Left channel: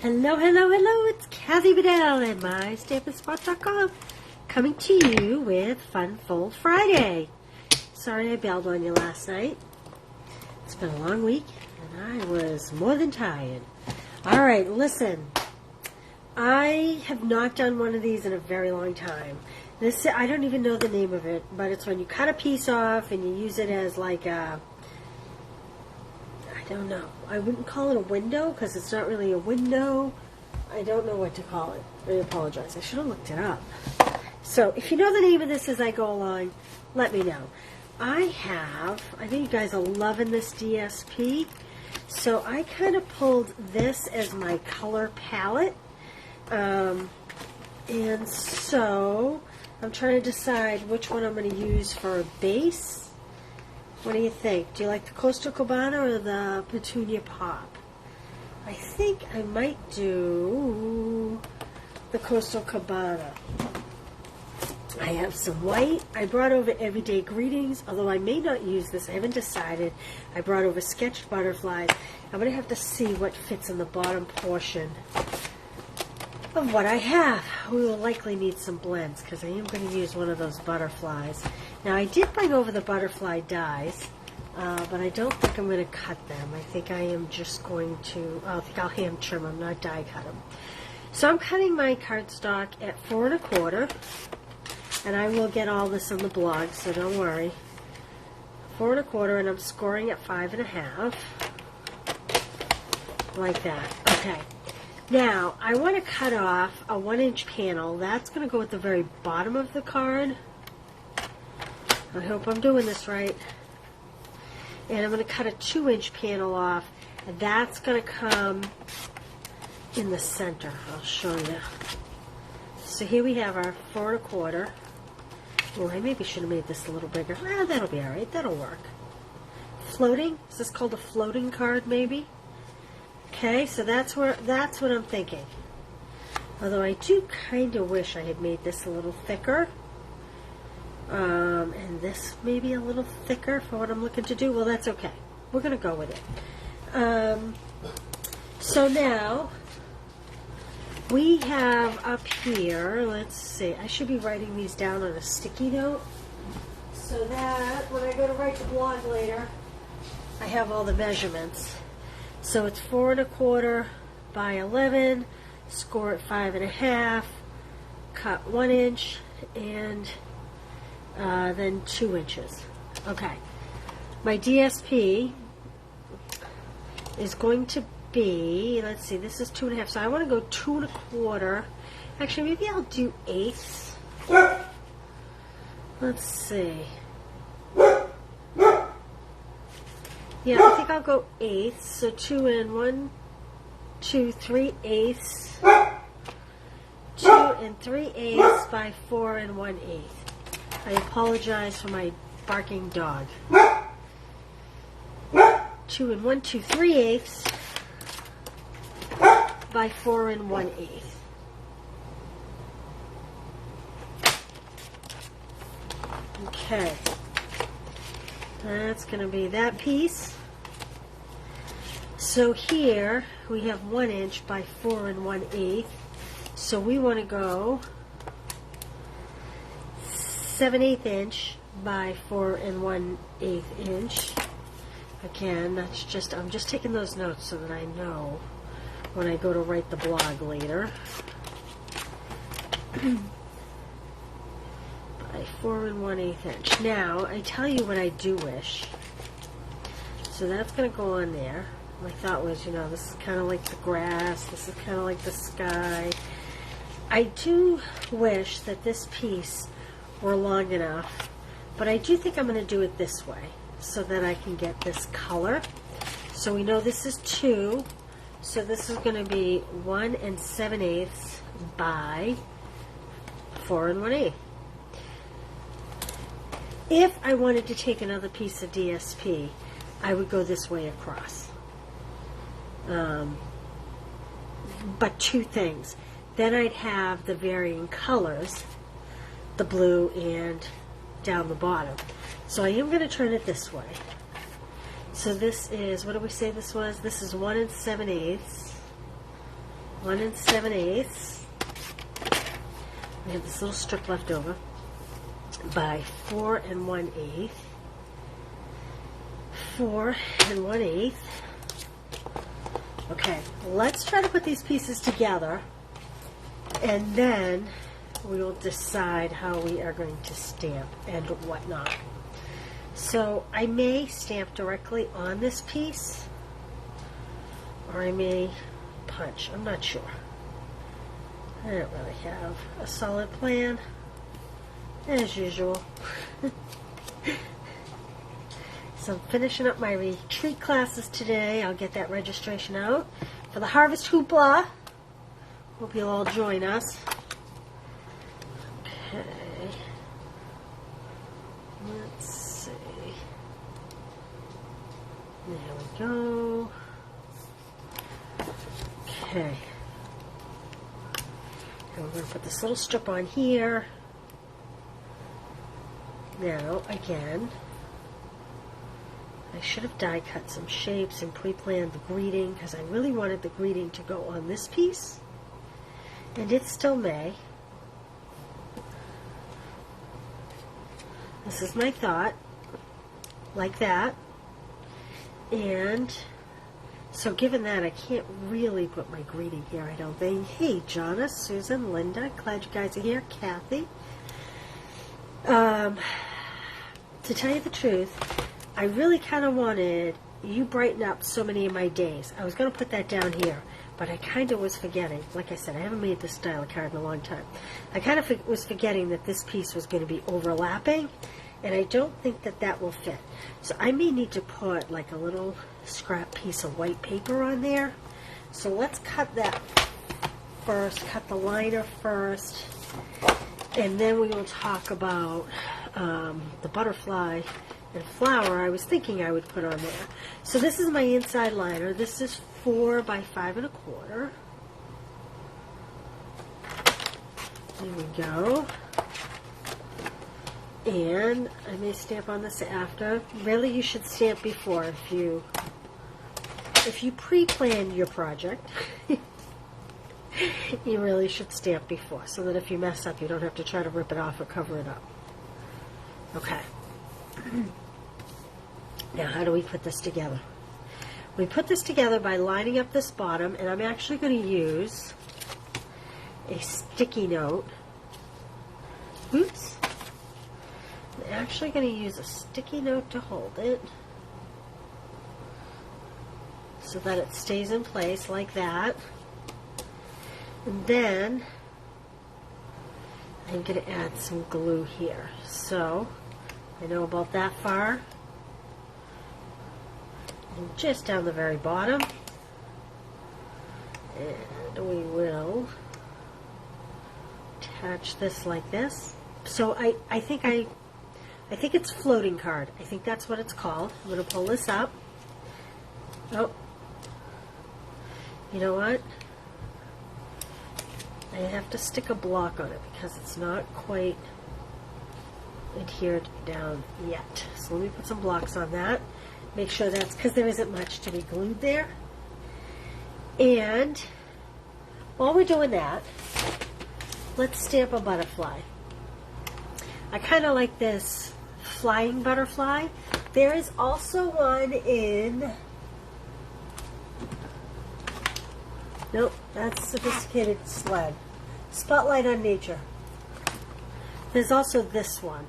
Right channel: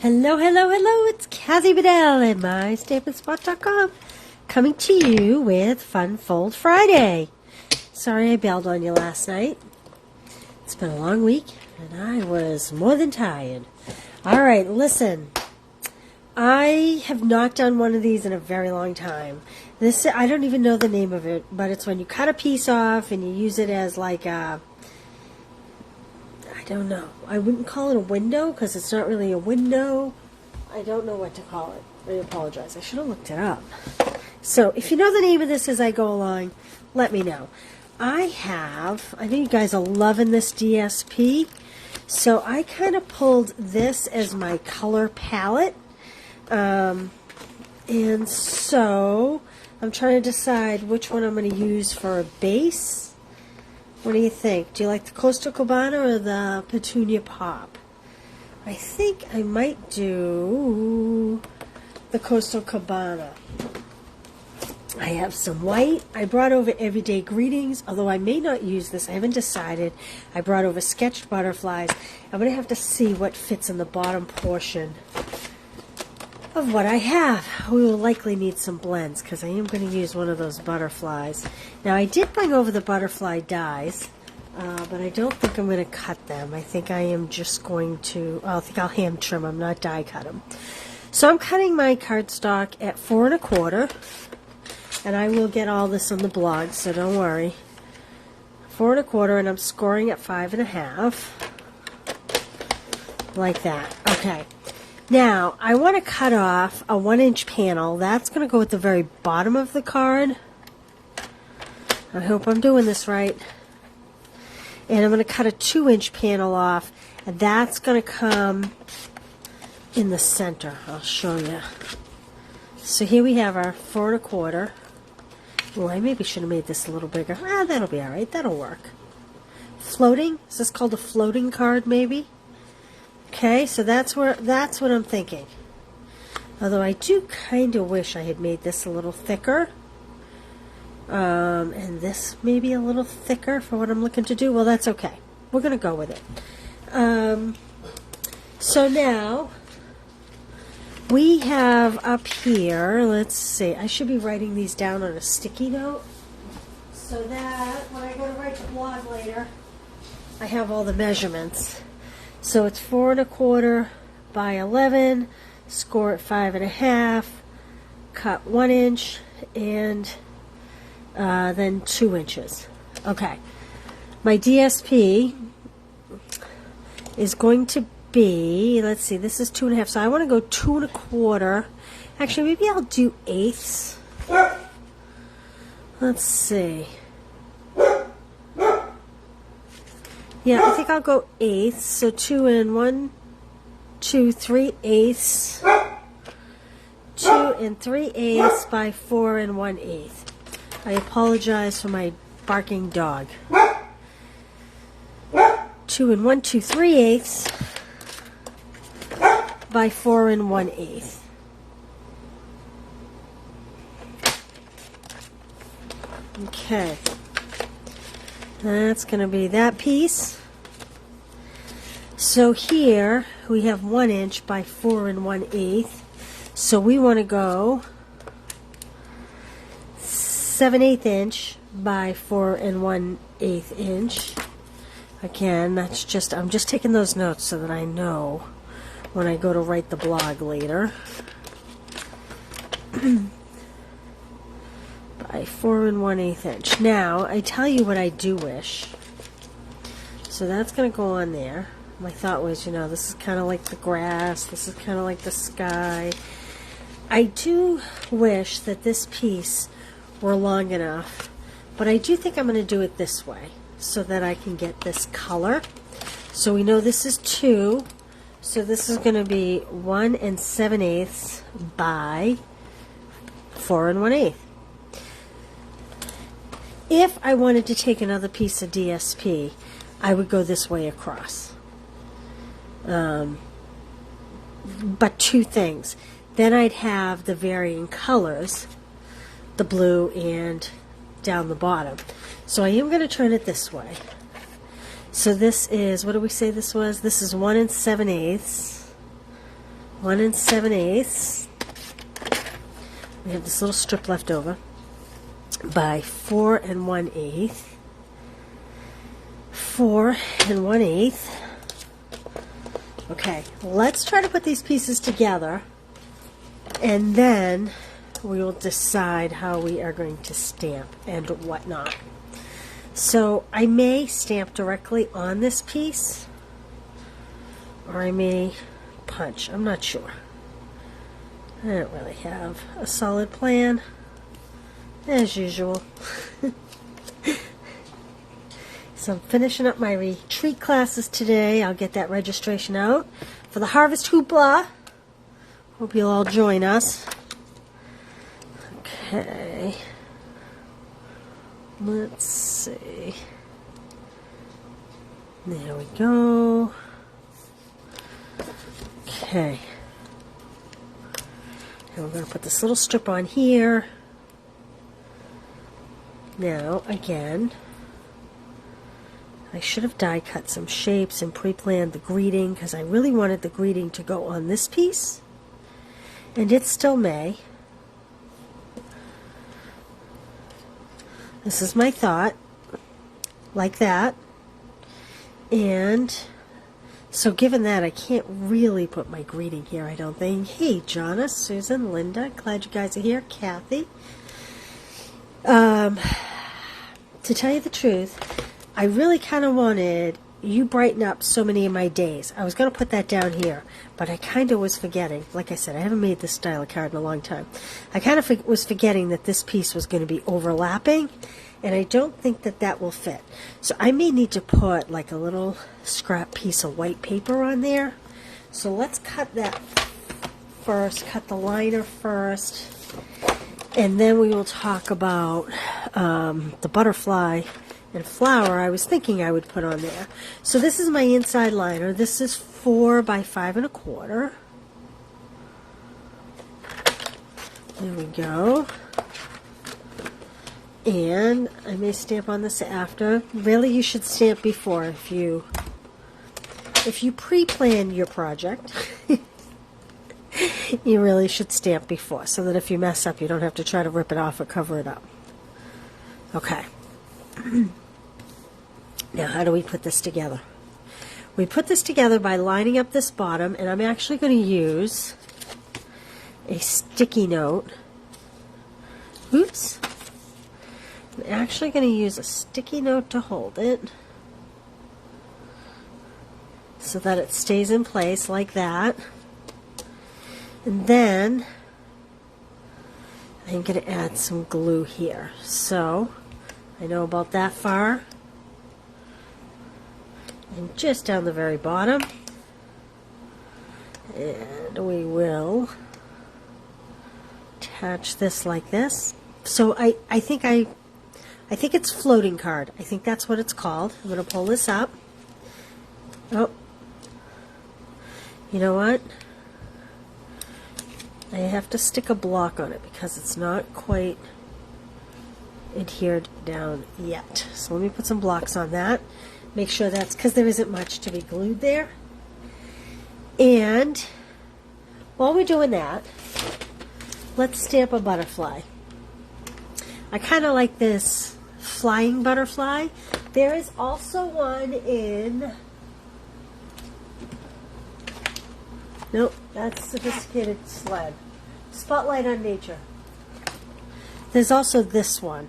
Hello, hello, hello, it's Cassie Bedell and my Stampin'Up.com coming to you with Fun Fold Friday. Sorry I bailed on you last night. It's been a long week and I was more than tired. Alright, listen. I have not done one of these in a very long time. This, I don't even know the name of it, but it's when you cut a piece off and you use it as like a, I don't know. I wouldn't call it a window because it's not really a window. I don't know what to call it. I apologize. I should have looked it up. So if you know the name of this as I go along, let me know. I think you guys are loving this DSP. So I kind of pulled this as my color palette. And so I'm trying to decide which one I'm going to use for a base. What do you think? Do you like the Coastal Cabana or the Petunia Pop? I think I might do the Coastal Cabana. I have some white. I brought over Everyday Greetings, although I may not use this. I haven't decided. I brought over Sketch Butterflies. I'm going to have to see what fits in the bottom portion of what I have. We will likely need some blends because I am going to use one of those butterflies. Now I did bring over the butterfly dies, but I don't think I'm going to cut them. I think I am just going to, I think I'll hand trim them, not die cut them. So I'm cutting my cardstock at 4 1/4, and I will get all this on the blog, so don't worry. 4 1/4, and I'm scoring at 5 1/2, like that. Okay. Now, I want to cut off a 1-inch panel. That's going to go at the very bottom of the card. I hope I'm doing this right. And I'm going to cut a 2-inch panel off, and that's going to come in the center. I'll show you. So here we have our 4 1/4. Well, I maybe should have made this a little bigger. Ah, that'll be all right. That'll work. Floating? Is this called a floating card, maybe? Okay, so that's what I'm thinking. Although I do kind of wish I had made this a little thicker. And this maybe a little thicker for what I'm looking to do. Well, that's okay. We're going to go with it. So now, we have up here, let's see, I should be writing these down on a sticky note. So that, when I go to write the blog later, I have all the measurements. So it's 4 1/4 by 11, score at 5 1/2, cut 1 inch, and then 2 inches. Okay, my DSP is going to be, let's see, this is 2 1/2, so I want to go 2 1/4. Actually, maybe I'll do 1/8. Let's see. Yeah, I think I'll go 1/8. So 2 and 1, 2, 3/8. 2 and 3/8 by 4 and 1/8. I apologize for my barking dog. 2 and 1, 2, 3/8 by 4 and 1/8. Okay. That's going to be that piece. So here we have 1 inch by 4 and 1/8. So we want to go 7/8 inch by 4 and 1/8 inch. Again, that's just, I'm just taking those notes so that I know when I go to write the blog later. By 4 and 1/8 inch. Now, I tell you what I do wish. So that's going to go on there. My thought was, you know, this is kind of like the grass. This is kind of like the sky. I do wish that this piece were long enough, but I do think I'm going to do it this way so that I can get this color. So we know this is 2. So this is going to be 1 7/8 by 4 and 1/8. If I wanted to take another piece of DSP, I would go this way across. But two things. Then I'd have the varying colors, the blue and down the bottom. So I am going to turn it this way. So this is, what do we say this was? This is 1 7/8 1 7/8. We have this little strip left over by 4 1/8. 4 1/8. Okay, let's try to put these pieces together, and then we will decide how we are going to stamp and whatnot. So I may stamp directly on this piece, or I may punch. I'm not sure. I don't really have a solid plan, as usual. So I'm finishing up my retreat classes today. I'll get that registration out for the Harvest Hoopla. Hope you'll all join us. Okay. Let's see. There we go. Okay. And we're going to put this little strip on here. Now, again, I should have die cut some shapes and pre-planned the greeting, because I really wanted the greeting to go on this piece. And it still may. This is my thought, like that. And so given that, I can't really put my greeting here, I don't think. Hey, Jonna, Susan, Linda, glad you guys are here. Kathy. To tell you the truth, I really kind of wanted You Brighten Up So Many of My Days. I was going to put that down here, but I kind of was forgetting. Like I said, I haven't made this style of card in a long time. I kind of was forgetting that this piece was going to be overlapping, and I don't think that that will fit. So I may need to put like a little scrap piece of white paper on there. So let's cut that first, cut the liner first, and then we will talk about the butterfly and flower I was thinking I would put on there. So this is my inside liner. This is 4 by 5 1/4. There we go. And I may stamp on this after. Really, you should stamp before if you pre-plan your project. You really should stamp before, so that if you mess up, you don't have to try to rip it off or cover it up. Okay. Now, how do we put this together? We put this together by lining up this bottom, and I'm actually going to use a sticky note. Oops. I'm actually going to use a sticky note to hold it so that it stays in place like that. And then I'm going to add some glue here. So I know about that far. And just down the very bottom. And we will attach this like this. So I think it's floating card. I think that's what it's called. I'm going to pull this up. Oh, you know what? I have to stick a block on it because it's not quite adhered down yet. So let me put some blocks on that. Make sure that's, because there isn't much to be glued there. And while we're doing that, let's stamp a butterfly. I kind of like this flying butterfly. There is also one in, nope, that's Sophisticated Sled. Spotlight on Nature. There's also this one.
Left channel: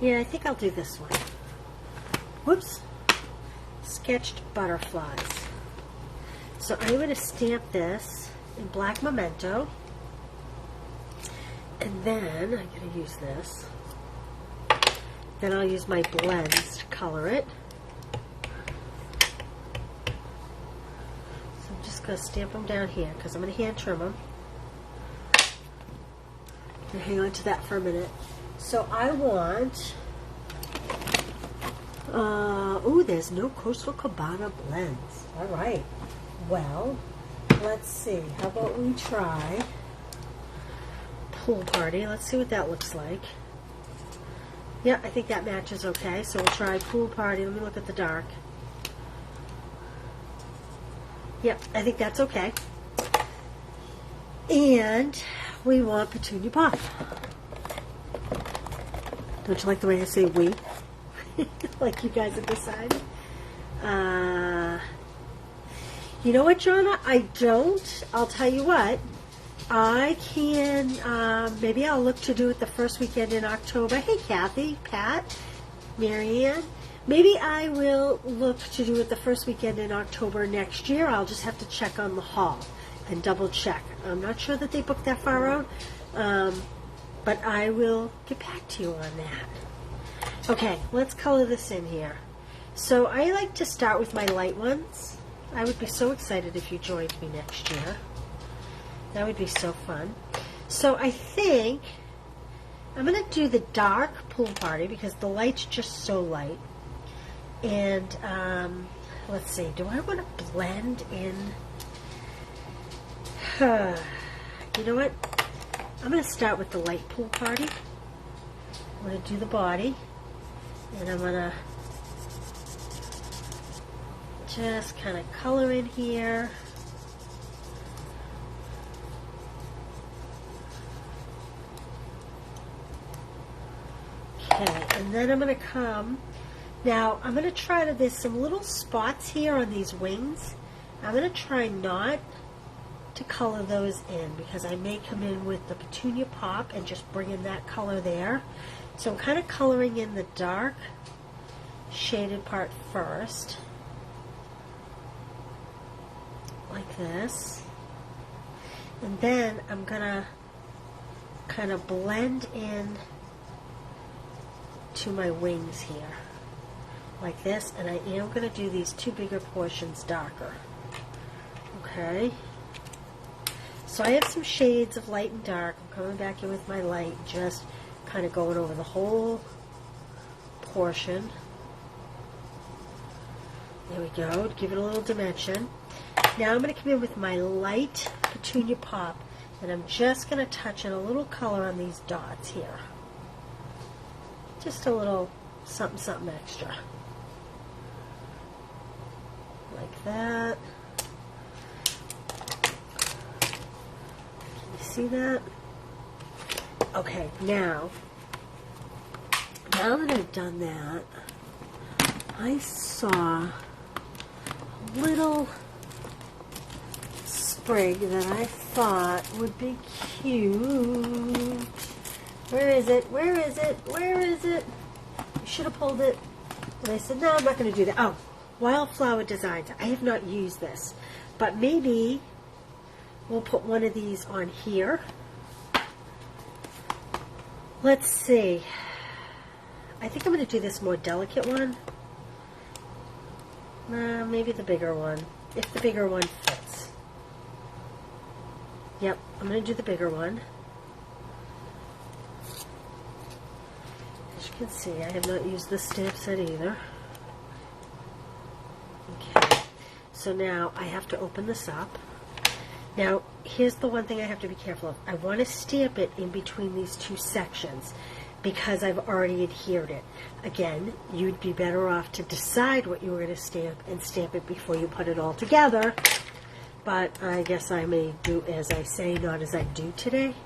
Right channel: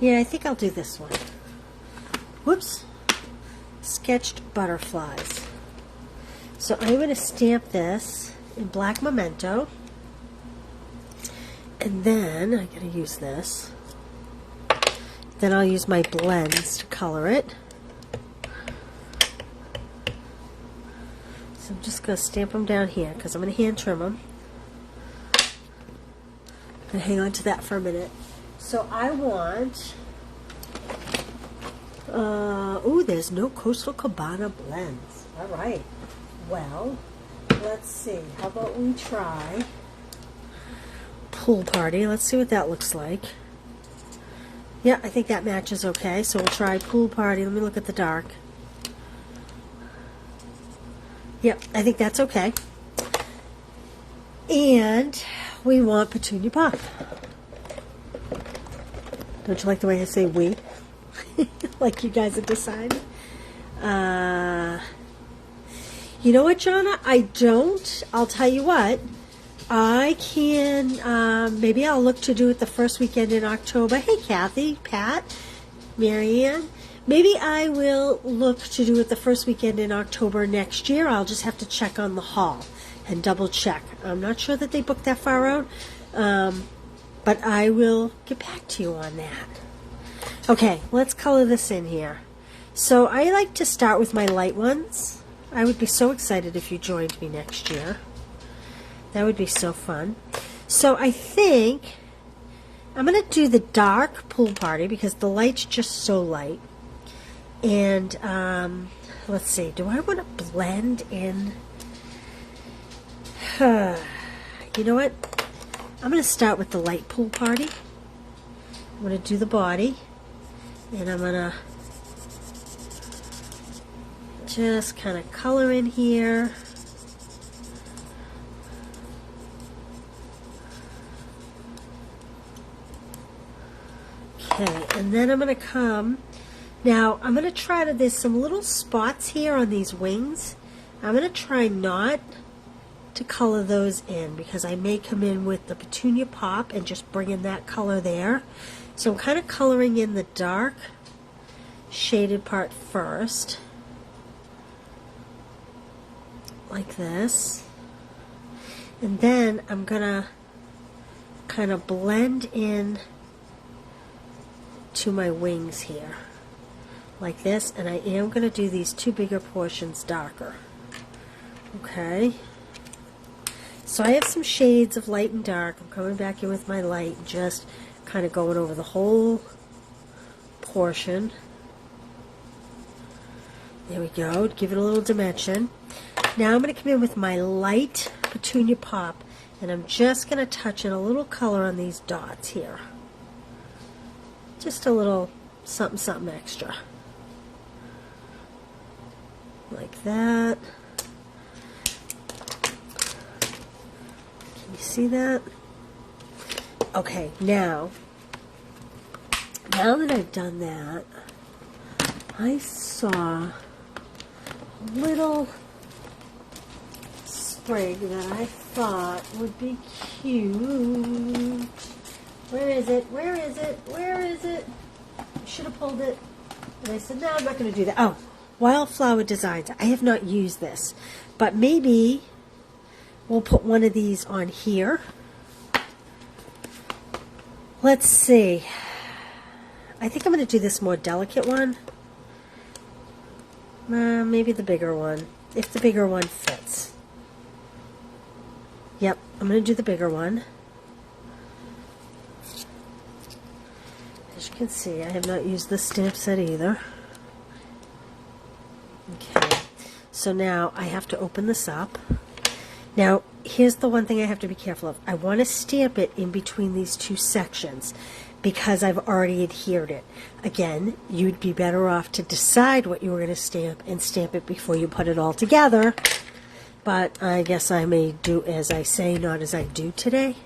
Yeah, I think I'll do this one. Whoops. Sketched Butterflies. So I'm going to stamp this in black memento. And then I'm going to use this. Then I'll use my blends to color it. So I'm just going to stamp them down here because I'm going to hand trim them. I'm going to hang on to that for a minute. So I want, oh, there's no Coastal Cabana blends. All right. Well, let's see. How about we try Pool Party? Let's see what that looks like. Yeah, I think that matches okay. So we'll try Pool Party. Let me look at the dark. Yep, I think that's okay. And we want Petunia Pop. Don't you like the way I say we? Like you guys have decided? You know what, Jonna? I don't. I'll tell you what. I can, maybe I'll look to do it the first weekend in October. Hey, Kathy, Pat, Marianne. Maybe I will look to do it the first weekend in October next year. I'll just have to check on the hall and double check. I'm not sure that they booked that far out, but I will get back to you on that. Okay, let's color this in here. So I like to start with my light ones. I would be so excited if you joined me next year. That would be so fun. So I think I'm going to do the dark Pool Party because the light's just so light. And let's see, do I want to blend in? You know what? I'm going to start with the light Pool Party. I'm going to do the body. And I'm going to just kind of color in here. Okay, and then I'm going to come, now I'm going to try to, there's some little spots here on these wings. I'm going to try not to color those in because I may come in with the Petunia Pop and just bring in that color there. So I'm kind of coloring in the dark shaded part first, like this. And then I'm going to kind of blend in to my wings here like this, and I am going to do these two bigger portions darker. Okay, so I have some shades of light and dark. I'm coming back in with my light, just kind of going over the whole portion. There we go, give it a little dimension. Now I'm going to come in with my light Petunia Pop, and I'm just going to touch in a little color on these dots here. Just a little something, something extra. Like that. Can you see that? Okay, now that I've done that, I saw a little sprig that I thought would be cute. Where is it? Where is it? Where is it? I should have pulled it. And I said, no, I'm not going to do that. Oh, Wildflower Designs. I have not used this. But maybe we'll put one of these on here. Let's see. I think I'm going to do this more delicate one. Maybe the bigger one. If the bigger one fits. Yep, I'm going to do the bigger one. As you can see, I have not used the stamp set either. Okay, so now I have to open this up. Now, here's the one thing I have to be careful of. I want to stamp it in between these two sections because I've already adhered it. Again, you'd be better off to decide what you were going to stamp and stamp it before you put it all together. But I guess I may do as I say, not as I do today.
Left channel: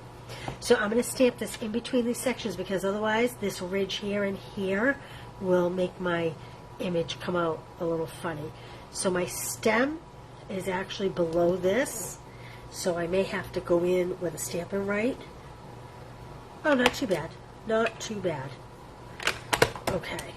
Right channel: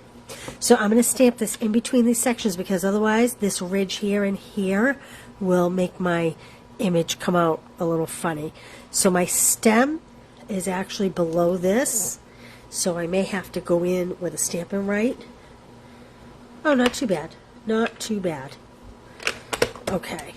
So I'm going to stamp this in between these sections because otherwise this ridge here and here will make my image come out a little funny. So my stem is actually below this, so I may have to go in with a Stampin' Right. Oh, not too bad. Not too bad. Okay.